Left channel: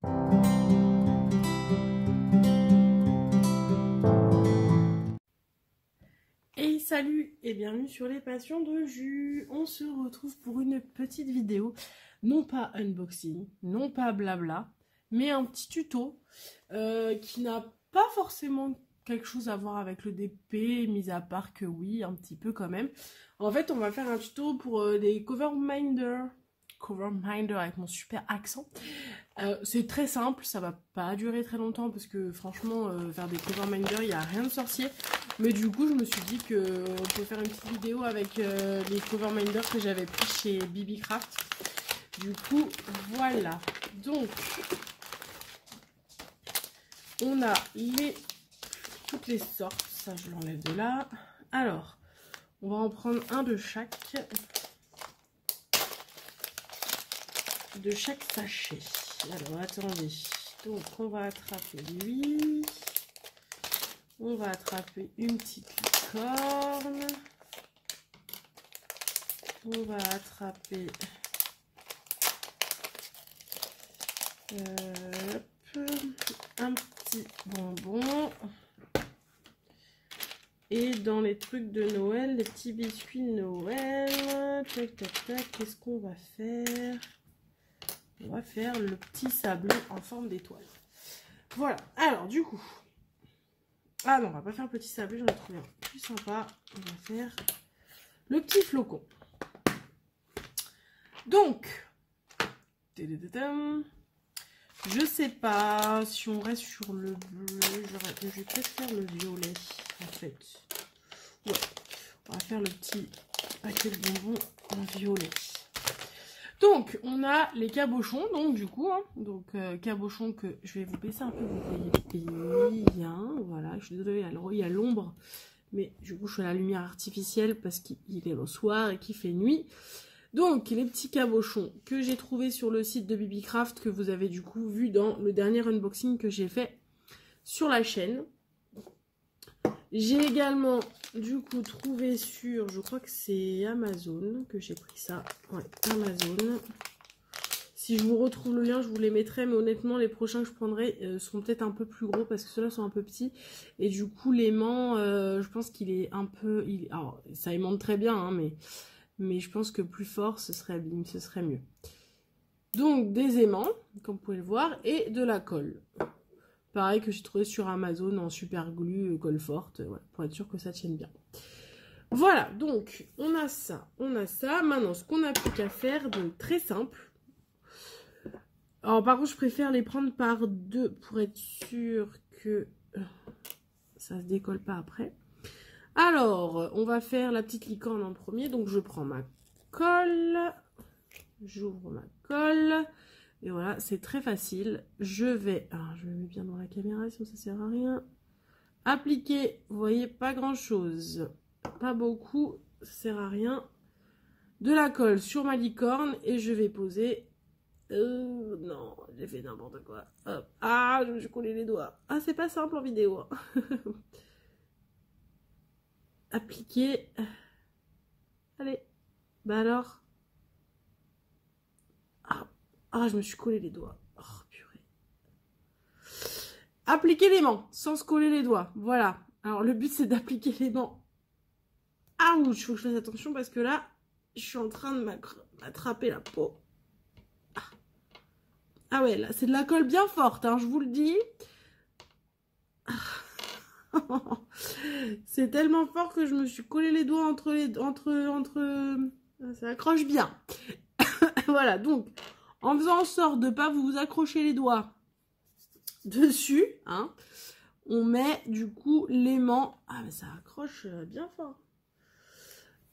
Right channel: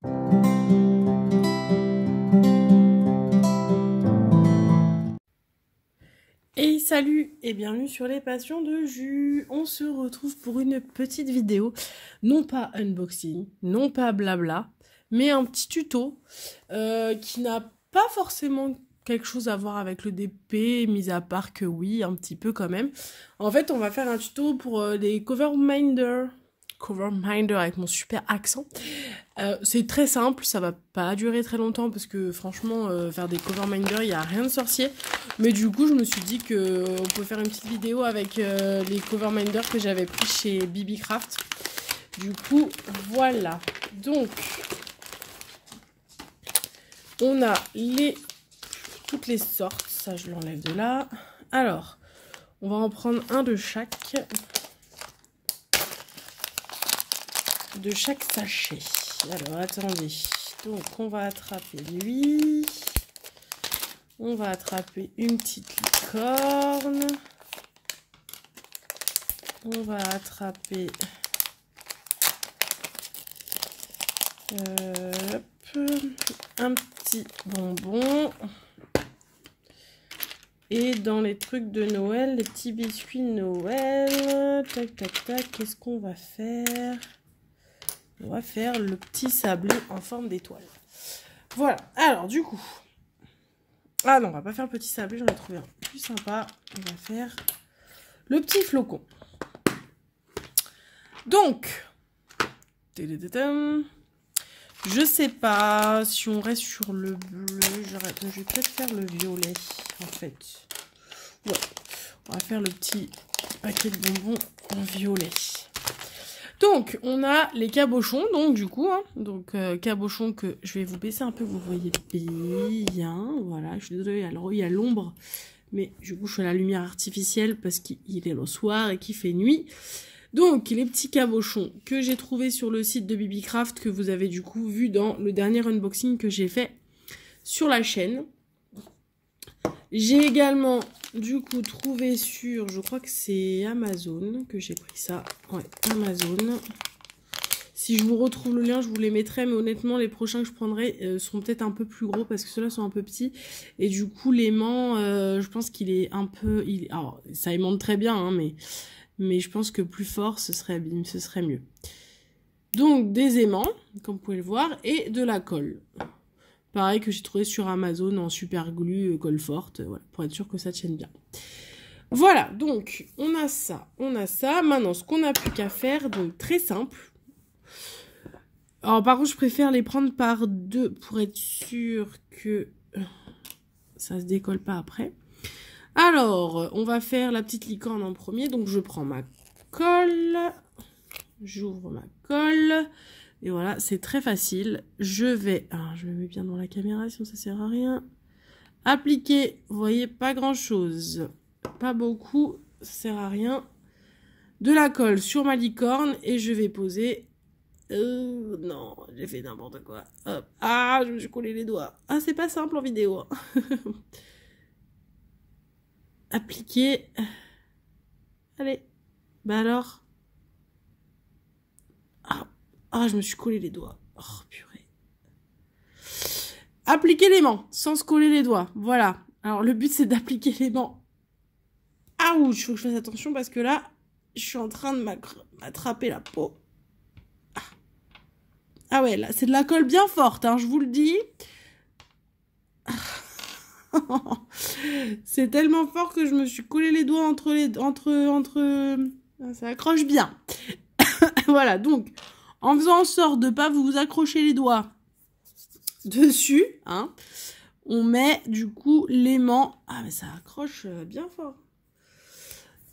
Et salut et bienvenue sur les passions de jus. On se retrouve pour une petite vidéo, non pas unboxing, non pas blabla, mais un petit tuto qui n'a pas forcément quelque chose à voir avec le DP, mis à part que oui, un petit peu quand même. En fait, on va faire un tuto pour les cover minder avec mon super accent. C'est très simple, ça va pas durer très longtemps parce que franchement, faire des cover minders, il n'y a rien de sorcier. Mais du coup, je me suis dit qu'on peut faire une petite vidéo avec les cover minders que j'avais pris chez BBcraft. Du coup, voilà. Donc, on a toutes les sortes. Ça, je l'enlève de là. Alors, on va en prendre un de chaque sachet. Alors, attendez. Donc, on va attraper lui. On va attraper une petite licorne. On va attraper un petit bonbon. Et dans les trucs de Noël, les petits biscuits de Noël. Tac, tac, tac. Qu'est-ce qu'on va faire? On va faire le petit sablé en forme d'étoile. Voilà. Alors, du coup... Ah non, on va pas faire le petit sablé. J'en ai trouvé un plus sympa. On va faire le petit flocon. Donc... Je sais pas si on reste sur le bleu. Je vais peut-être faire le violet, en fait. Ouais. On va faire le petit paquet de bonbons en violet. Donc, on a les cabochons, donc du coup, hein, cabochons que je vais vous baisser un peu, vous voyez bien, voilà, je suis désolée, alors il y a l'ombre, mais du coup, je fais la lumière artificielle parce qu'il est le soir et qu'il fait nuit. Donc, les petits cabochons que j'ai trouvés sur le site de BBcraft, que vous avez du coup vu dans le dernier unboxing que j'ai fait sur la chaîne. J'ai également du coup trouvé sur, je crois que c'est Amazon que j'ai pris ça. Ouais, Amazon. Si je vous retrouve le lien, je vous les mettrai, mais honnêtement, les prochains que je prendrai seront peut-être un peu plus gros parce que ceux-là sont un peu petits. Et du coup, l'aimant, je pense qu'il est un peu... Alors, ça aimante très bien, hein, mais je pense que plus fort, ce serait mieux. Donc, des aimants, comme vous pouvez le voir, et de la colle. Pareil que j'ai trouvé sur Amazon en super glue, colle forte, voilà, pour être sûr que ça tienne bien. Voilà, donc on a ça. Maintenant, ce qu'on n'a plus qu'à faire, donc très simple. Alors par contre, je préfère les prendre par deux pour être sûr que ça se décolle pas après. Alors, on va faire la petite licorne en premier. Donc je prends ma colle, j'ouvre ma colle. Et voilà, c'est très facile. Je me mets bien dans la caméra, sinon ça sert à rien. Appliquer, vous voyez, pas grand chose. Pas beaucoup, ça sert à rien. De la colle sur ma licorne et je vais poser... non, j'ai fait n'importe quoi. Hop. Ah, je me suis collé les doigts. Ah, c'est pas simple en vidéo. Appliquer. Allez. Bah alors. Ah, je me suis collé les doigts. Oh, purée. Appliquer l'aimant sans se coller les doigts. Voilà. Alors, le but, c'est d'appliquer l'aimant. Ah, ouh, il faut que je fasse attention parce que là, je suis en train de m'attraper la peau. Ah ouais, là, c'est de la colle bien forte, hein, je vous le dis. C'est tellement fort que je me suis collé les doigts ça accroche bien. Voilà, donc, en faisant en sorte de ne pas vous accrocher les doigts dessus, hein, on met du coup l'aimant. Ah, mais ça accroche bien fort.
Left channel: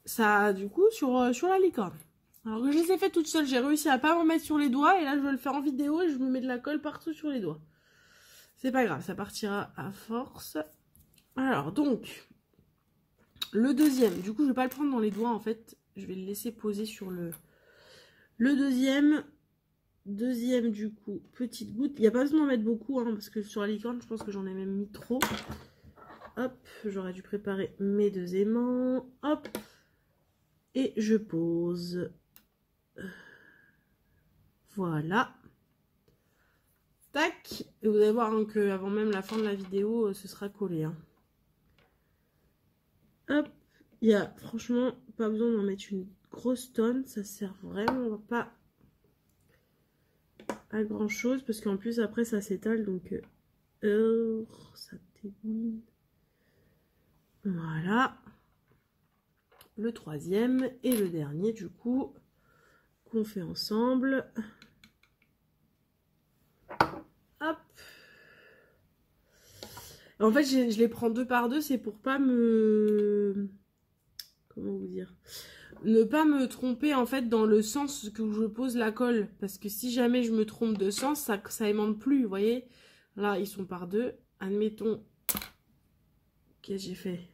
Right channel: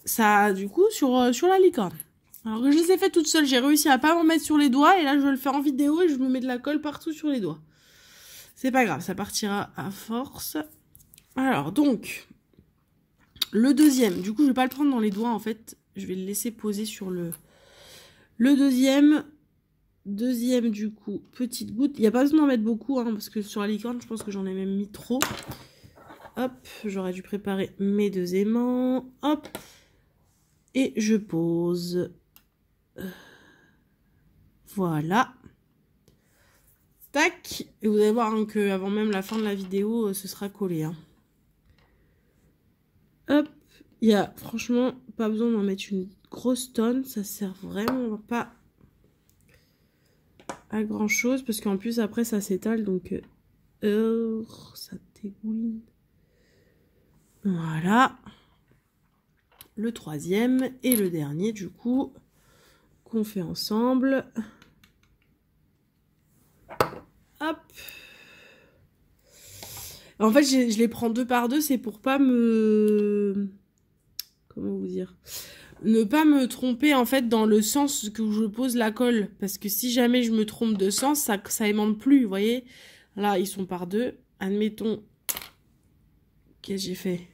Ça, du coup, sur la licorne. Alors que je les ai fait toute seule, j'ai réussi à pas m'en mettre sur les doigts. Et là, je vais le faire en vidéo et je me mets de la colle partout sur les doigts. C'est pas grave, ça partira à force. Alors, donc, le deuxième. Du coup, je vais pas le prendre dans les doigts, en fait. Je vais le laisser poser sur le deuxième. Deuxième, du coup, petite goutte. Il n'y a pas besoin d'en mettre beaucoup, hein, parce que sur la licorne, je pense que j'en ai même mis trop. Hop, j'aurais dû préparer mes deux aimants. Hop. Et je pose... Voilà. Tac. Et vous allez voir hein, qu'avant même la fin de la vidéo, ce sera collé. Hein. Hop. Il y a franchement pas besoin d'en mettre une grosse tonne. Ça sert vraiment pas à grand chose. Parce qu'en plus après ça s'étale. Donc ça dégouline. Voilà. Le troisième et le dernier du coup. Qu'on fait ensemble. Hop. En fait, je les prends 2 par 2, c'est pour pas me... Comment vous dire? Ne pas me tromper, en fait, dans le sens que je pose la colle. Parce que si jamais je me trompe de sens, ça aimante plus, vous voyez? Là, ils sont par 2. Admettons... Qu'est-ce que j'ai fait?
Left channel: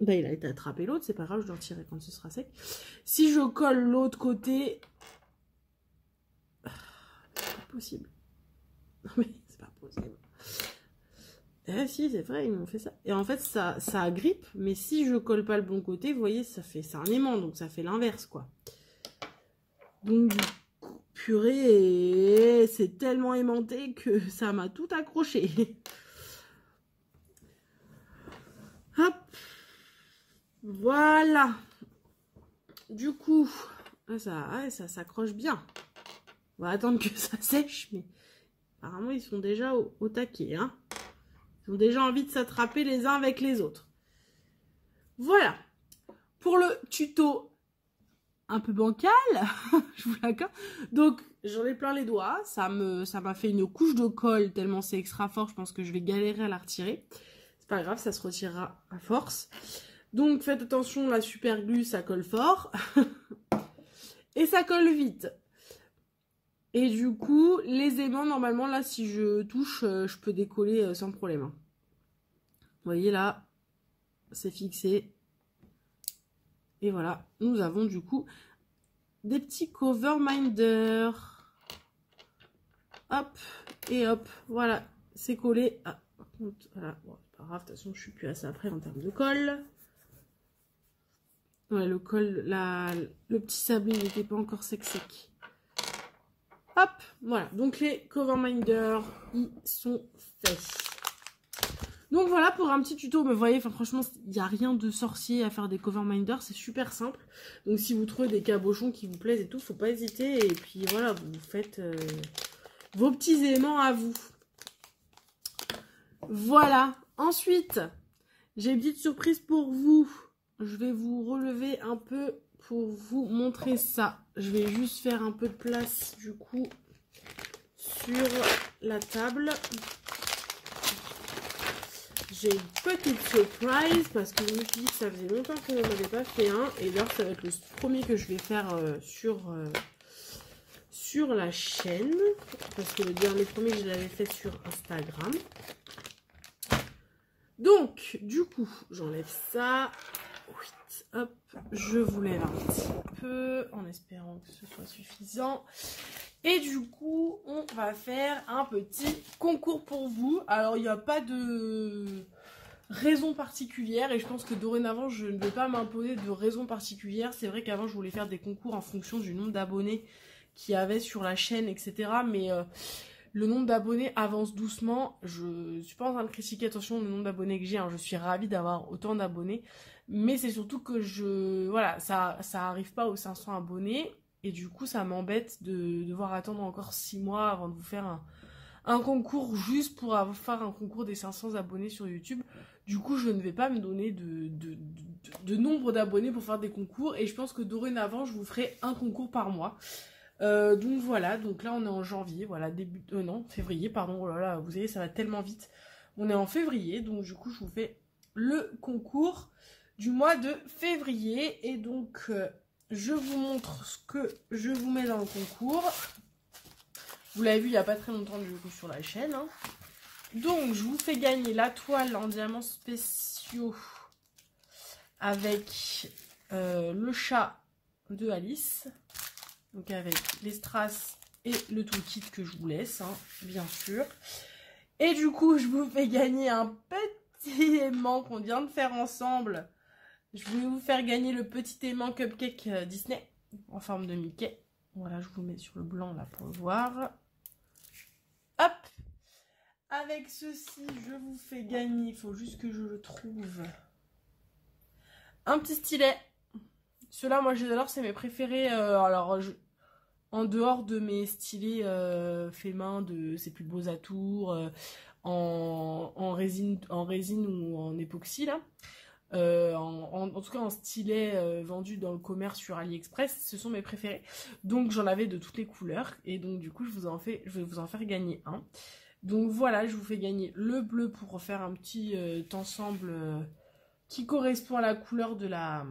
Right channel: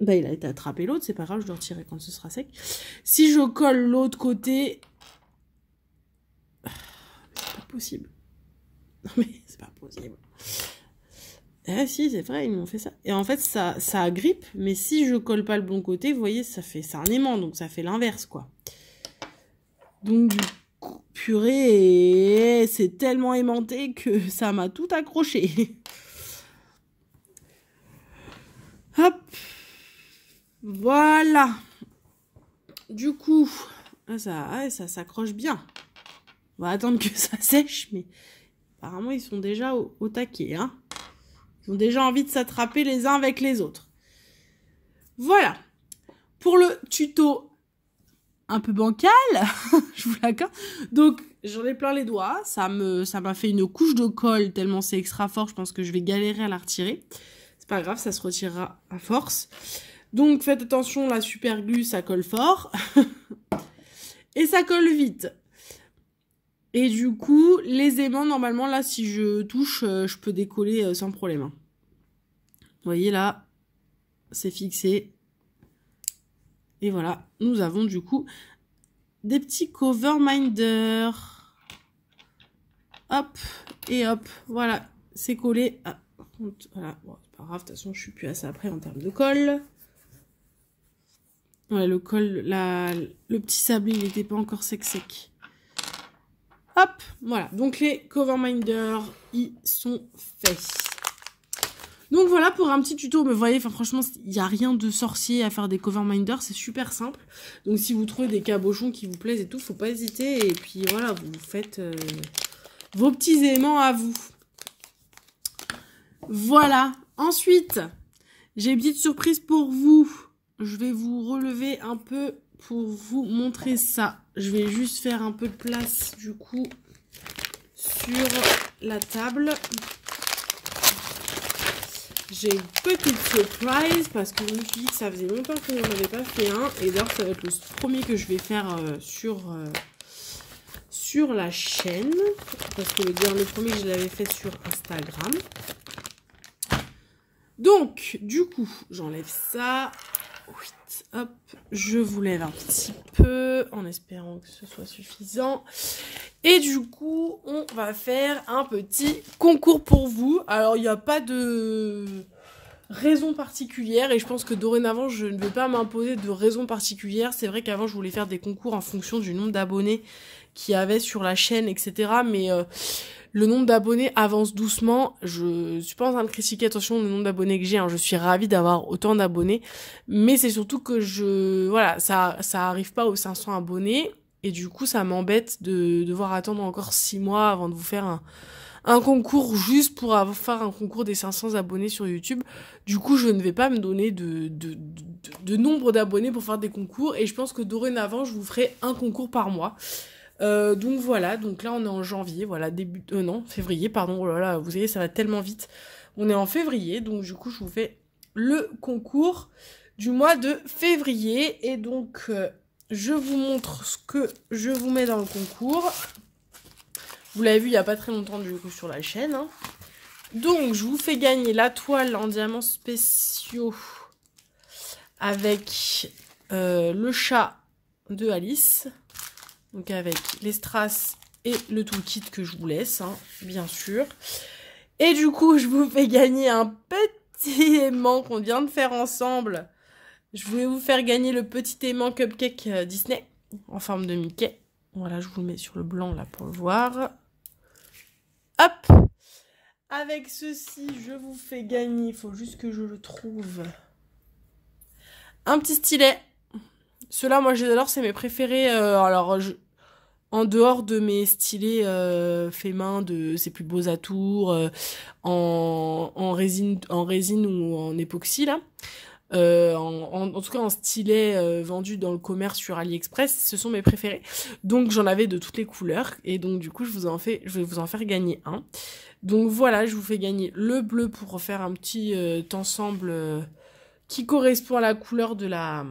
Bah, il a été attrapé l'autre, c'est pas grave, je dois retirer quand ce sera sec. Si je colle l'autre côté... C'est pas possible. Non mais, c'est pas possible. Ah si, c'est vrai, ils m'ont fait ça. Et en fait, ça agrippe, mais si je colle pas le bon côté, vous voyez, c'est un aimant, donc ça fait l'inverse, quoi. Donc, du coup, purée, c'est tellement aimanté que ça m'a tout accroché. Hop. Voilà. Du coup, ça s'accroche bien. On va attendre que ça sèche, mais apparemment, ils sont déjà au taquet, hein. Ils ont déjà envie de s'attraper les uns avec les autres. Voilà. Pour le tuto un peu bancal, je vous l'accorde. Donc, j'en ai plein les doigts. Ça m'a fait une couche de colle tellement c'est extra fort. Je pense que je vais galérer à la retirer. C'est pas grave, ça se retirera à force. Donc, faites attention, la super glue, ça colle fort. Et ça colle vite. Et du coup, les aimants, normalement, là, si je touche, je peux décoller sans problème. Hein. Vous voyez, là, c'est fixé. Et voilà, nous avons du coup des petits cover minders. Hop, et hop, voilà, c'est collé. Ah, voilà, bon, c'est pas grave, de toute façon, je suis plus assez après en termes de colle. Voilà, le col, le petit sablé, il n'était pas encore sec. Hop, voilà, donc les cover minders, ils sont faits. Donc voilà pour un petit tuto, mais vous voyez, franchement, il n'y a rien de sorcier à faire des cover minders, c'est super simple. Donc si vous trouvez des cabochons qui vous plaisent et tout, faut pas hésiter. Et puis voilà, vous faites vos petits aimants à vous. Voilà, ensuite, j'ai une petite surprise pour vous. Je vais vous relever un peu pour vous montrer ça. Je vais juste faire un peu de place du coup sur la table. J'ai une petite surprise parce que je me suis dit que ça faisait longtemps que je n'en avais pas fait un. Et d'ailleurs, ça va être le premier que je vais faire sur la chaîne. Parce que le premier, je l'avais fait sur Instagram. Donc, du coup, j'enlève ça. Hop, je vous lève un petit peu en espérant que ce soit suffisant. Et du coup, on va faire un petit concours pour vous. Alors, il n'y a pas de raison particulière et je pense que dorénavant, je ne vais pas m'imposer de raison particulière. C'est vrai qu'avant, je voulais faire des concours en fonction du nombre d'abonnés qu'il y avait sur la chaîne, etc. Mais le nombre d'abonnés avance doucement. Je suis pas en train de critiquer, attention, le nombre d'abonnés que j'ai. Hein. Je suis ravie d'avoir autant d'abonnés. Mais c'est surtout que voilà, ça arrive pas aux 500 abonnés. Et du coup, ça m'embête de devoir attendre encore 6 mois avant de vous faire un concours juste pour faire un concours des 500 abonnés sur YouTube. Du coup, je ne vais pas me donner de nombre d'abonnés pour faire des concours. Et je pense que dorénavant, je vous ferai un concours par mois. Donc voilà, donc là on est en janvier, voilà, février, pardon, oh là là, vous voyez, ça va tellement vite. On est en février, donc du coup je vous fais le concours du mois de février. Et donc je vous montre ce que je vous mets dans le concours. Vous l'avez vu il n'y a pas très longtemps du coup sur la chaîne. Hein. Donc je vous fais gagner la toile en diamants spéciaux avec le chat de Alice. Donc avec les strass et le toolkit que je vous laisse, hein, bien sûr. Et du coup, je vous fais gagner un petit aimant qu'on vient de faire ensemble. Je vais vous faire gagner le petit aimant Cupcake Disney en forme de Mickey. Voilà, je vous le mets sur le blanc là pour le voir. hop. Avec ceci, je vous fais gagner. Il faut juste que je le trouve. Un petit stylet. Ceux-là, moi, j'adore. C'est mes préférés. En dehors de mes stylets faits main de ces plus beaux atours en résine ou en époxy, là. En tout cas en stylet vendu dans le commerce sur AliExpress, ce sont mes préférés. Donc j'en avais de toutes les couleurs et donc du coup je vais vous en faire gagner un. Donc voilà, je vous fais gagner le bleu pour faire un petit ensemble qui correspond à la couleur de la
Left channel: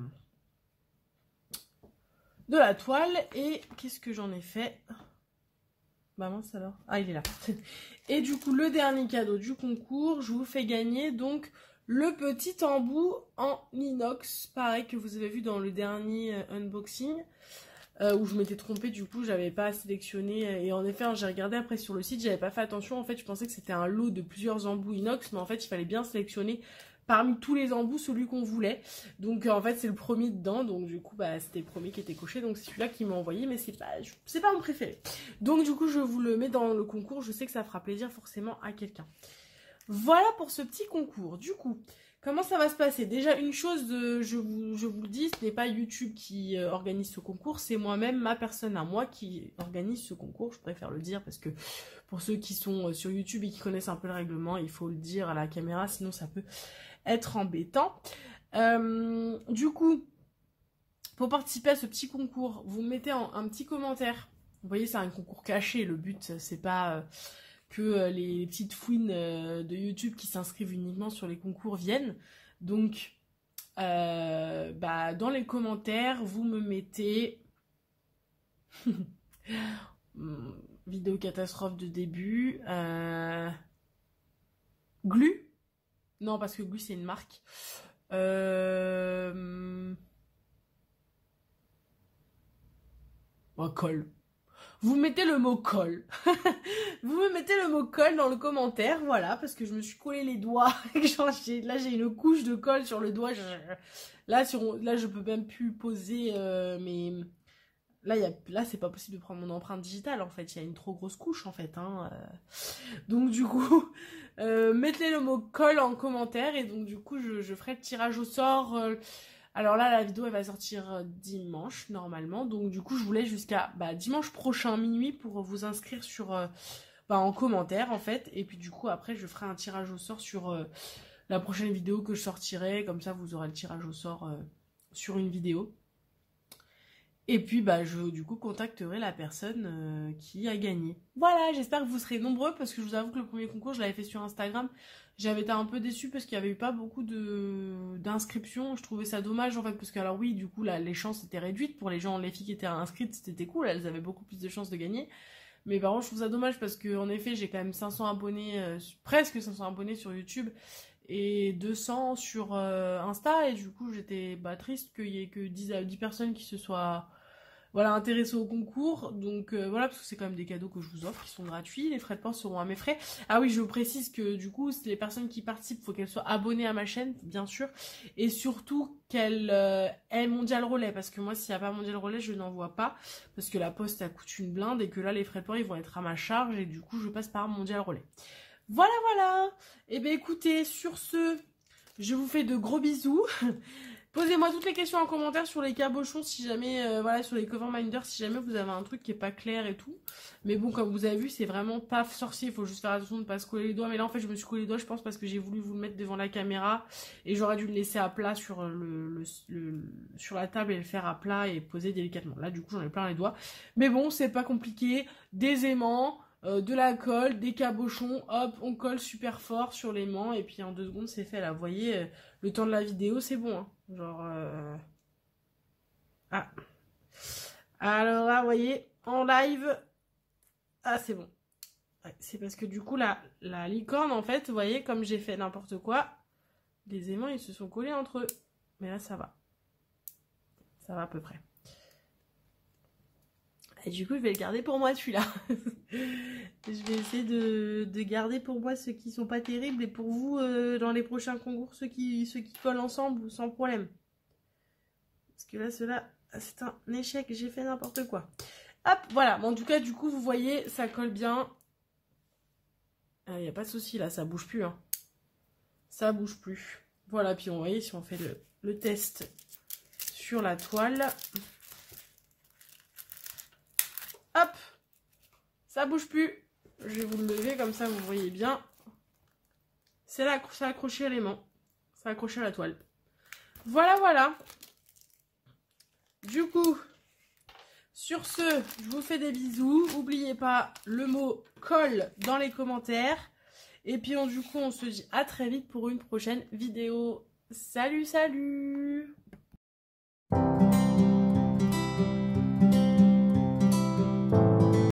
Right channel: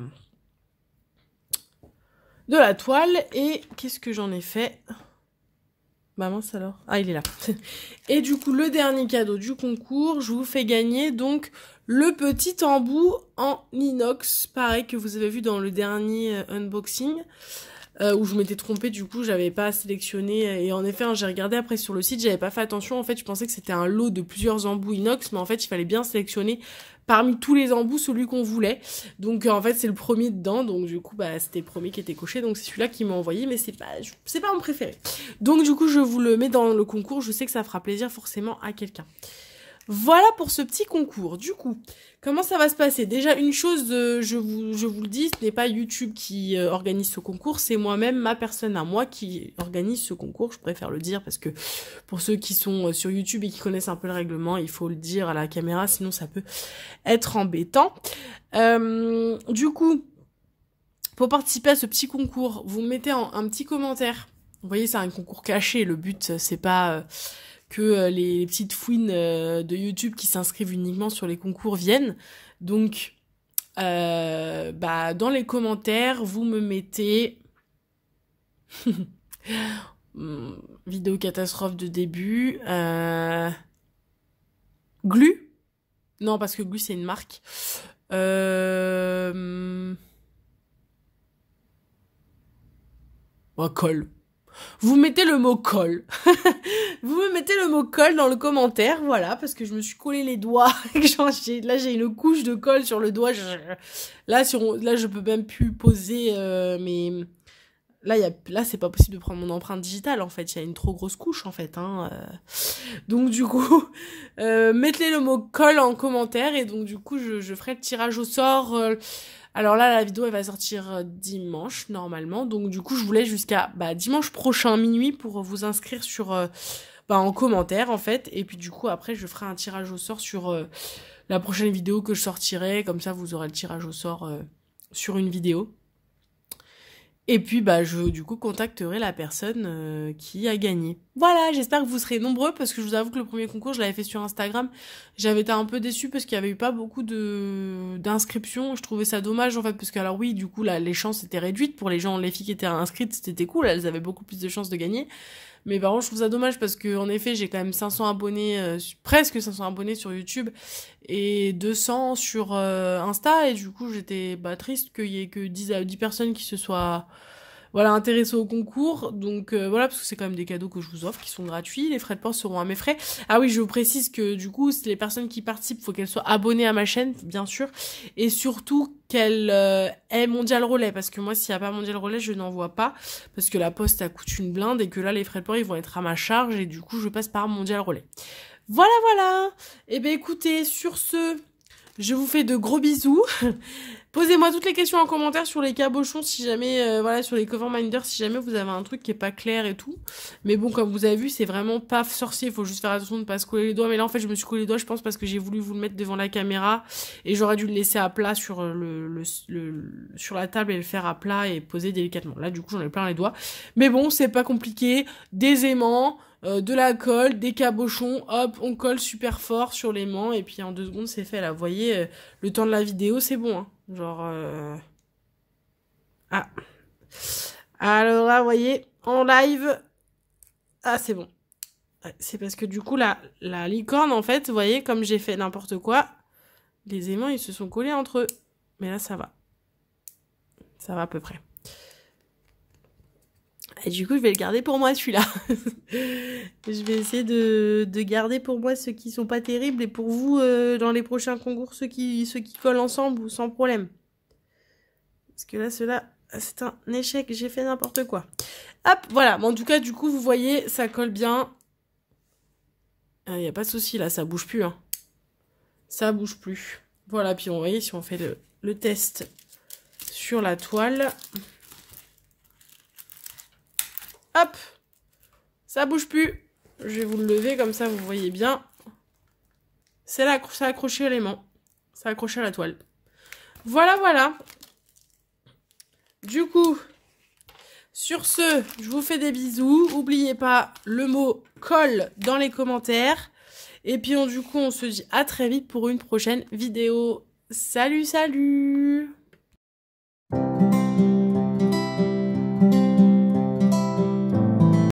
toile. Et qu'est-ce que j'en ai fait? Bah mince alors. Ah, il est là. Et du coup, le dernier cadeau du concours, je vous fais gagner donc le petit embout en inox, pareil que vous avez vu dans le dernier unboxing, où je m'étais trompée, du coup, j'avais pas sélectionné. Et en effet, hein, j'ai regardé après sur le site, j'avais pas fait attention. En fait, je pensais que c'était un lot de plusieurs embouts inox, mais en fait, il fallait bien sélectionner parmi tous les embouts celui qu'on voulait. Donc en fait c'est le premier dedans, donc du coup bah c'était le premier qui était coché, donc c'est celui-là qui m'a envoyé, mais c'est pas mon préféré. Donc du coup je vous le mets dans le concours, je sais que ça fera plaisir forcément à quelqu'un. Voilà pour ce petit concours. Du coup, comment ça va se passer? Déjà, une chose, je vous le dis, ce n'est pas YouTube qui organise ce concours, c'est moi-même, ma personne à moi qui organise ce concours. Je préfère le dire parce que pour ceux qui sont sur YouTube et qui connaissent un peu le règlement, il faut le dire à la caméra, sinon ça peut être embêtant. Du coup, pour participer à ce petit concours, vous mettez un petit commentaire. Vous voyez, c'est un concours caché. Le but, c'est pas que les petites fouines de YouTube qui s'inscrivent uniquement sur les concours viennent. Donc, dans les commentaires, vous me mettez vidéo catastrophe de début. Glu. Non, parce que Glu, c'est une marque. Colle. Vous mettez le mot colle. Vous me mettez le mot colle dans le commentaire, voilà, parce que je me suis collé les doigts. Là, j'ai une couche de colle sur le doigt. Là, je peux même plus poser mes... Là, c'est pas possible de prendre mon empreinte digitale, en fait. Il y a une trop grosse couche, en fait. Donc, du coup, mettez le mot colle en commentaire. Et donc, du coup, je ferai le tirage au sort... Alors là, la vidéo, elle va sortir dimanche, normalement. Donc, du coup, je vous laisse jusqu'à dimanche prochain, minuit, pour vous inscrire sur, en commentaire, en fait. Et puis, du coup, après, je ferai un tirage au sort sur la prochaine vidéo que je sortirai. Comme ça, vous aurez le tirage au sort sur une vidéo. Et puis, je, du coup, contacterai la personne qui a gagné. Voilà, j'espère que vous serez nombreux, parce que je vous avoue que le premier concours, je l'avais fait sur Instagram. J'avais été un peu déçue, parce qu'il n'y avait eu pas beaucoup d'inscriptions. Je trouvais ça dommage, en fait, parce que, alors oui, du coup, là, les chances étaient réduites. Pour les filles qui étaient inscrites, c'était cool. Elles avaient beaucoup plus de chances de gagner. Mais par contre, je trouve ça dommage, parce que en effet, j'ai quand même 500 abonnés, presque 500 abonnés sur YouTube, et 200 sur Insta, et du coup, j'étais triste qu'il y ait que 10 personnes qui se soient intéressées au concours. Donc voilà, parce que c'est quand même des cadeaux que je vous offre qui sont gratuits. Les frais de port seront à mes frais. Ah oui, je vous précise que du coup, les personnes qui participent, il faut qu'elles soient abonnées à ma chaîne, bien sûr, et surtout qu'elles aient Mondial Relais, parce que moi, s'il n'y a pas Mondial Relais, je n'en vois pas, parce que la poste, ça coûte une blinde, et que là, les frais de port, ils vont être à ma charge, et du coup, je passe par Mondial Relais. Voilà. Et bien écoutez, sur ce, je vous fais de gros bisous. Posez-moi toutes les questions en commentaire sur les cabochons, si jamais, sur les cover minders, si jamais vous avez un truc qui est pas clair et tout. Mais bon, comme vous avez vu, c'est vraiment pas sorcier, il faut juste faire attention de ne pas se coller les doigts. Mais là, en fait, je me suis collé les doigts, je pense, parce que j'ai voulu vous le mettre devant la caméra, et j'aurais dû le laisser à plat sur, sur la table et le faire à plat et poser délicatement. Là, du coup, j'en ai plein les doigts. Mais bon, c'est pas compliqué. Des aimants, de la colle, des cabochons, hop, on colle super fort sur l'aimant, et puis en 2 secondes, c'est fait. Là, vous voyez, le temps de la vidéo, c'est bon, hein. Genre... Ah. Alors là, vous voyez, en live... Ah, c'est bon. Ouais, c'est parce que du coup, la licorne, en fait, vous voyez, comme j'ai fait n'importe quoi, les aimants, ils se sont collés entre eux. Mais là, ça va. Ça va à peu près. Et du coup, je vais le garder pour moi, celui-là. Je vais essayer de garder pour moi ceux qui sont pas terribles, et pour vous, dans les prochains concours, ceux qui collent ensemble ou sans problème. Parce que là, ceux-là, c'est un échec. J'ai fait n'importe quoi. Hop, voilà. Bon, en tout cas, du coup, vous voyez, ça colle bien. Il n'y a pas de souci, là, ça bouge plus. Hein. Ça bouge plus. Voilà, puis on voit si on fait le test sur la toile. Hop! Ça bouge plus. Je vais vous le lever comme ça, vous voyez bien. C'est là, ça a accroché à l'aimant. Ça a accroché à la toile. Voilà, voilà. Du coup, sur ce, je vous fais des bisous. N'oubliez pas le mot colle dans les commentaires. Et puis, du coup, on se dit à très vite pour une prochaine vidéo. Salut, salut!